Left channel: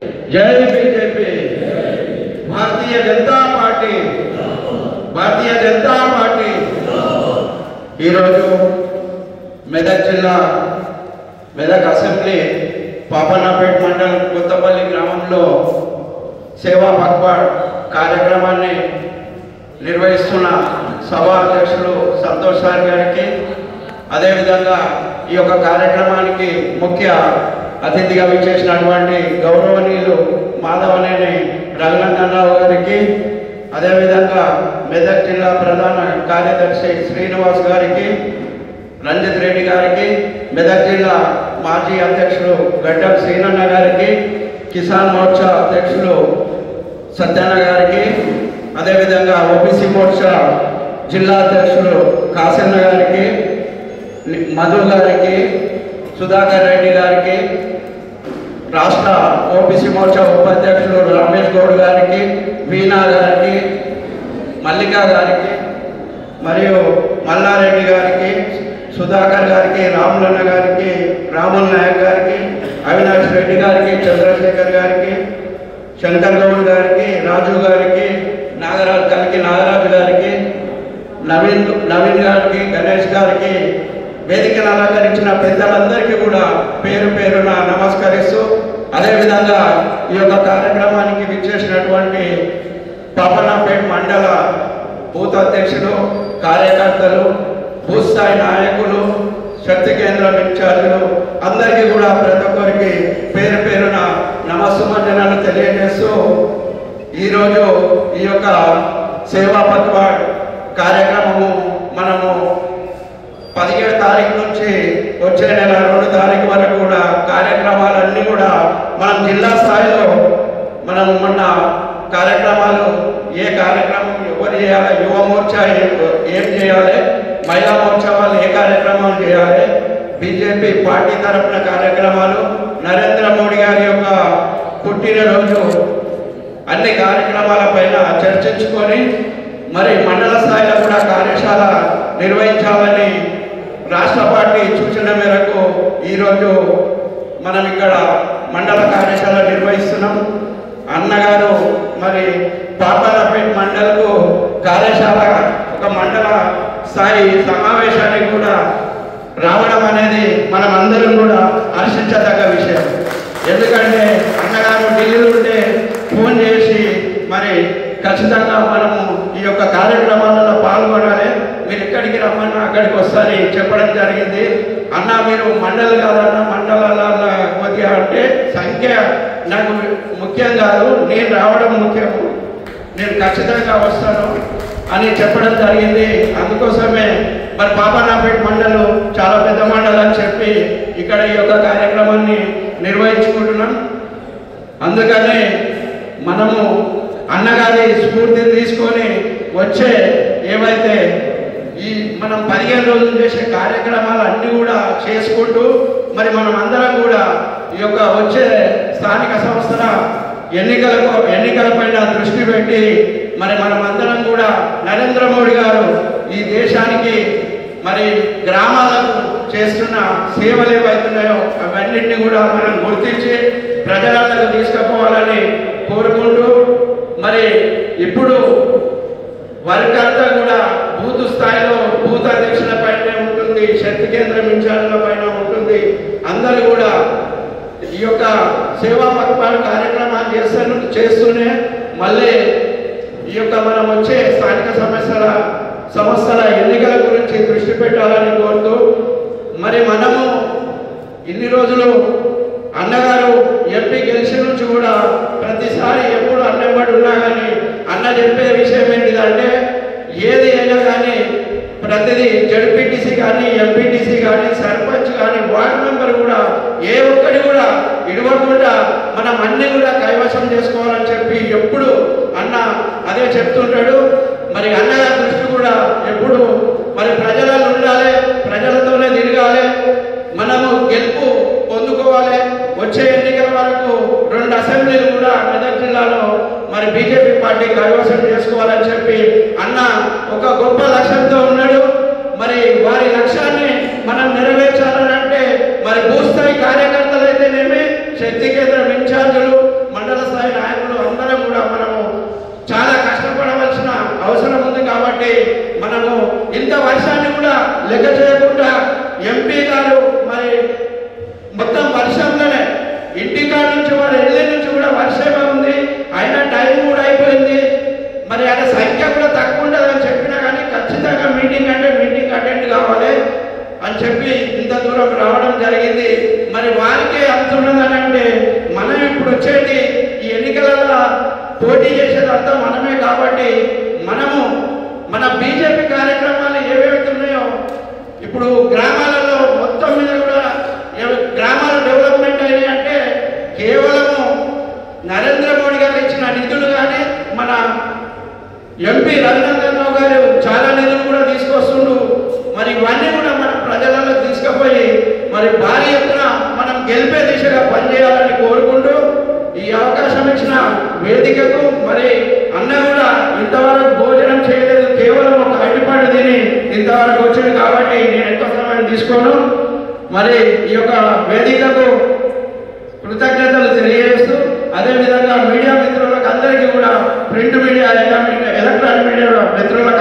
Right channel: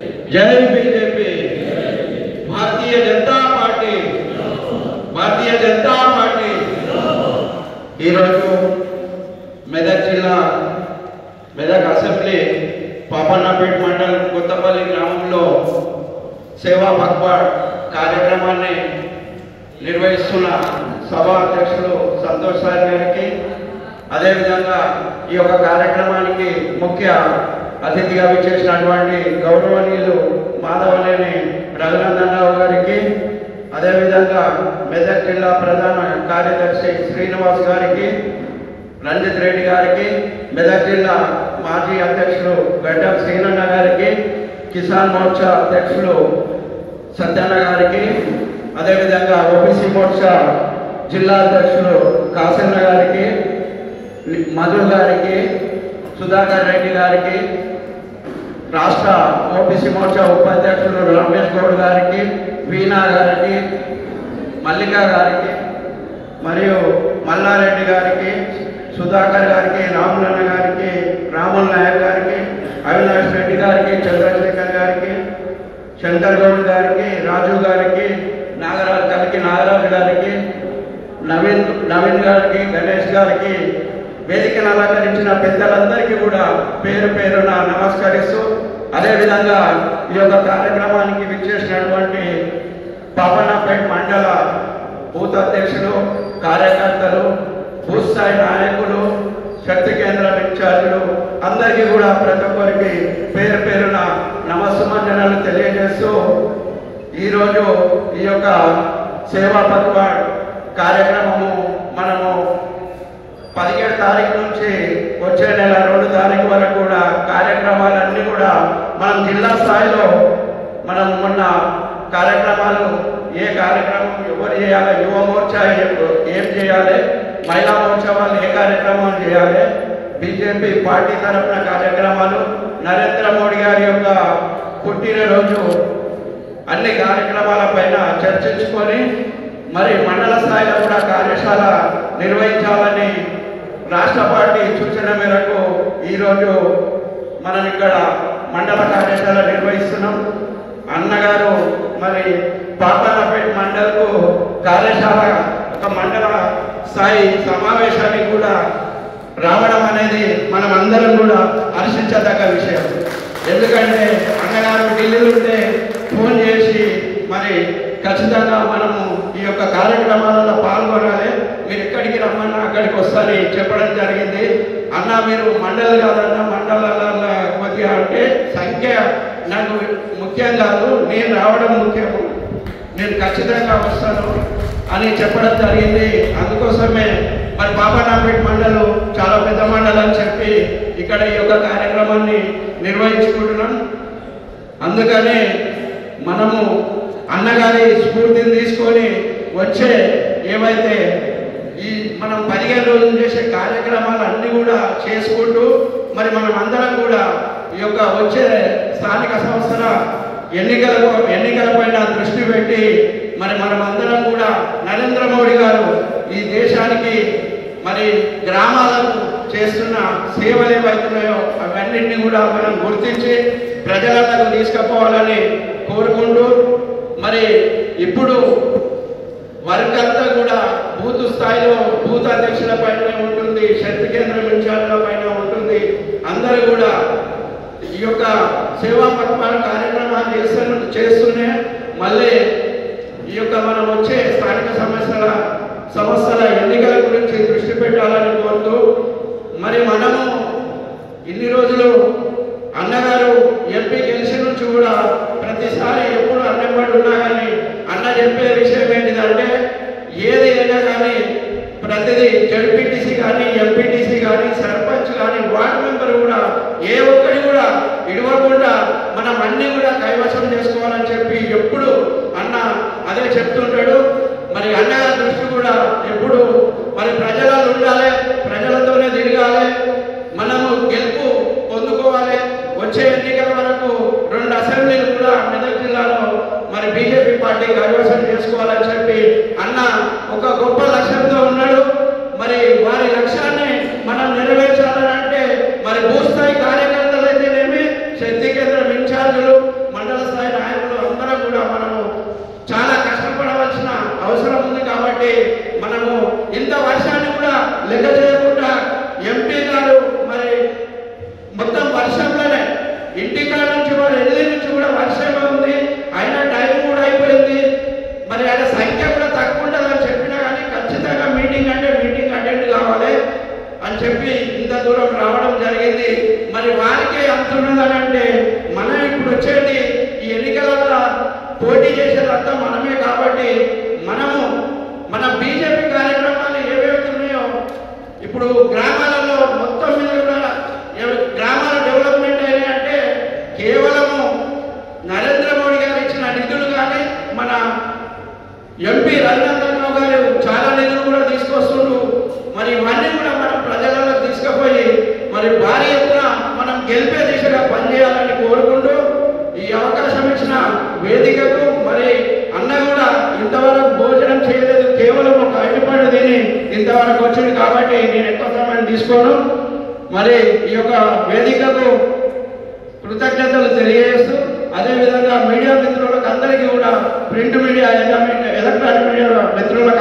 जय BJP. Bharatiya Janata party Medak जिला Medak assembly पापनापेट मंडल कोत्तपल्ली ग्रामंलो सेवा पखवाड़ కార్యక్రమాన్ని నిర్వహిస్తున్న సభా అధ్యక్షులు సంతోష్ సార్ గారికి అదే విధంగా ఈ యొక్క కార్యక్రమానికి ముఖ్య అతిథిగా విచ్చేసినటువంటి గౌరవనీయులు మాధవనేని రఘునందనరావు గారికి అదే విధంగా మెదక్ జిల్లా ప్రధాన కార్యదర్శి శ్రీనివాస్ గారికి రంజిత్ రెడ్డి గారికి మెదక్ జిల్లా మాజీ అధ్యక్షులు గడ్డం శ్రీనన్న గారికి కిసాన్ మోర్చా అధ్యక్షులు సత్యన్న గారికి అదే విధంగా ఓబీసీ మోర్చా జిల్లా అధ్యక్షులు కాసన్న గారికి మధు గారికి సుధాకర్ రెడ్డి గారికి రాష్ట్ర ఓబీసీ మోర్చా ఉపాధ్యక్షులు రమేష్ గౌడ్ గారికి వీణా గారికి మల్లికా గారికి మరియు మల్లారెడ్డి గారికి సుధాకర్ గారికి రాములన్న గారికి రాముల నాయక్ గారికి అవినాష్ రెడ్డి గారికి చంద్రశేఖర్ గారికి శంకర్ గౌడ్ గారికి రాజు గారికి నాగరాజు గారికి నవీన్ గారికి గణేష్ గారికి వేదికను అలంకరించిన పెద్దలందరికీ కూడా పేరు పేరున నమస్కరిస్తూ అదేవిధంగా ఈ యొక్క కార్యక్రమానికి విచ్చేసినటువంటి పాపన్నపేట మండల బూత్ అధ్యక్షులు కార్యకర్తలు బూత్ స్థాయి నాయకులు శక్తి కేంద్రం ఇన్ఛార్జీలు అందరికీ కూడా ప్రతి ఒక్కరికి పేరు పేరున నమస్సుమంజనాలు తెలియజేస్తూ ఈరోజు ఈ యొక్క సేవా పఖవాడ్ కార్యక్రమము మనము 17 తారీఖు నుంచి వచ్చే నెల 2 తారీఖు వరకు కూడా కార్యక్రమాలన్నీ కూడా మనం జిల్లా స్థాయిలో మనం మొన్న కార్యక్రమాలు ఏ కార్యక్రమం ఎవరు చేయాలి, యువ మోర్చా ఏం చేయాలి, మహిళా మోర్చా వాళ్ళు ఏ కార్యక్రమం చేయాలి, బీజేపీ పార్టీ తరఫున కార్యక్రమాలు, నరేంద్ర మోడీ గారి యొక్క పుట్టినరోజు అన్ని కార్యక్రమాల పైన చర్చించుకొని మరి మండల స్థాయిలో కూడా కార్యశాల నిర్వహించాలని రాష్ట్ర పార్టీ సూచన మేరకు ఈరోజు మనం ఇక్కడ మండల కార్యశాల నిర్వహిస్తున్నాం. అన్నగారు మరి పాపన్నపేట మండలకు కార్యశాల ఒక మండల స్థాయి సమావేశానికి కూడా రావడం అనేది మనం అందరం కూడా హర్షించదగ్గ విషయం. ఎందుకంటే అన్నగారు ఢిల్లీలో ఉంటే ఫోన్ చేసి మరి ఖచ్చితంగా మనము ఈ యొక్క కార్యక్రమాలలో పాల్గొనాలి, మీరు ఇక్కడికి రమ్మన్నా అక్కడికి వస్తారని చెప్పడం జరిగింది. అన్న మీరు మండలి కాదన్నా మండలాల కొద్దిగా అంటే సంఖ్య నాకు ముఖ్యం కాదు, నేను రావడం ముఖ్యం, నేను ఖచ్చితంగా వస్తాను అని చెప్పడం జరిగింది. అందుకోసమే మరి పాపన్నపేట మండలం చాలా పెద్ద మండలం అని చెప్పి ఇక్కడ ఈ యొక్క కార్యక్రమాన్ని నిర్వహించుకుంటున్నాం. అందుకని మనము అన్నగారి స్ఫూర్తిని తీసుకొని వచ్చే ఏమైతే ఈ మనం 15 రోజులు చేసే కార్యక్రమాలు అన్నీ కూడా చేసుకుంటూ మరి మనం అందరం కూడా ఈ యొక్క వచ్చే స్థానిక సంస్థల ఎన్నికలపైన దృష్టి పెట్టి మరి మనం అందరం కూడా నరేంద్ర మోడీ గారు ఈ దేశానికి మరి గ్రామాలకు చేస్తున్న సేవలు ఏవైతున్నాయో అవన్నింటినీ కూడా మనం గుర్తించి ప్రజలకు తీసుకుపోవాలని కోరుకుంటూ మరి ఇప్పుడు వర్క్ అంతా కూడా బూత్ స్థాయిలో బూత్ అధ్యక్షుల పైన ఉంటుంది, శక్తి కేంద్రం ఇన్ఛార్జ్ల పైన ఉంటుంది. అందరూ కూడా ఈ యొక్క సేవా పఖవాడ్ కార్యక్రమాలు చేస్తూనే మళ్ళీ ఈ యొక్క మనం వచ్చే స్థానిక సంస్థల ఎన్నికల గురించి దృష్టి పెట్టాలని కోరుతూ మరి మనము ఇన్ని రోజులు అన్నగారు ఎంపీ గెలిచిన నుంచి కూడా ప్రతిసారి ఎప్పుడు అన్నబడి ఉన్నా కానీ అన్న చెప్పే విషయం ఏంటిదంటే ఏది అయినా కానీ ప్రతిదీ జడ్పీటీసీ కానీ ఎంపీటీసీ కానీ సర్పంచ్ కానీ వార్డు మెంబర్ కూడా ఏ ఒక్కటి కూడా ఇడవకుండా మనం అన్ని కూడా కైవసం చేసుకోవాలని చెప్పి ఎప్పుడు అన్న అదే చెప్తుంటాడు. మరి అన్నగారి దృష్టి కూడా ఎప్పుడు మరి ప్రజలలో ఉండాలి, ప్రజలతోనే తిరగాలి, మనము గెలుపు పొందుకోవాలి. వచ్చే ఎన్నికల వరకు 2 అసెంబ్లీలు కూడా మెదక్ జిల్లాలో మరి బీజేపీ పార్టీ కైవసం చేసుకోవాలని చెప్పి అన్న ఒక గొప్ప లక్ష్యంతో ఉన్నాడు. మరి వారి లక్ష్యాన్ని మనం నెరవేర్చాలని అంటే మరి భూస్థాయి కార్యకర్తలు అయితేనేమి, శక్తి కేంద్రం ఇన్ఛార్జీలు, మరి అన్న కూడా ఇంతవరకు భోజనం చేయలేదు, కేవలం ఒక అడ్డిపండు తిని ఇంతవరకు వచ్చింది. కాబట్టి నేను ఎక్కువ సమయం తీసుకోను. మరి ఈ యొక్క వేదికకు కృతజ్ఞతలు తెలియజేస్తూ, అదేవిధంగా మీడియా మిత్రులకు అందరికీ కూడా, ప్రింట్ మీడియా, ఎలక్ట్రానిక్ మీడియా మిత్రులకు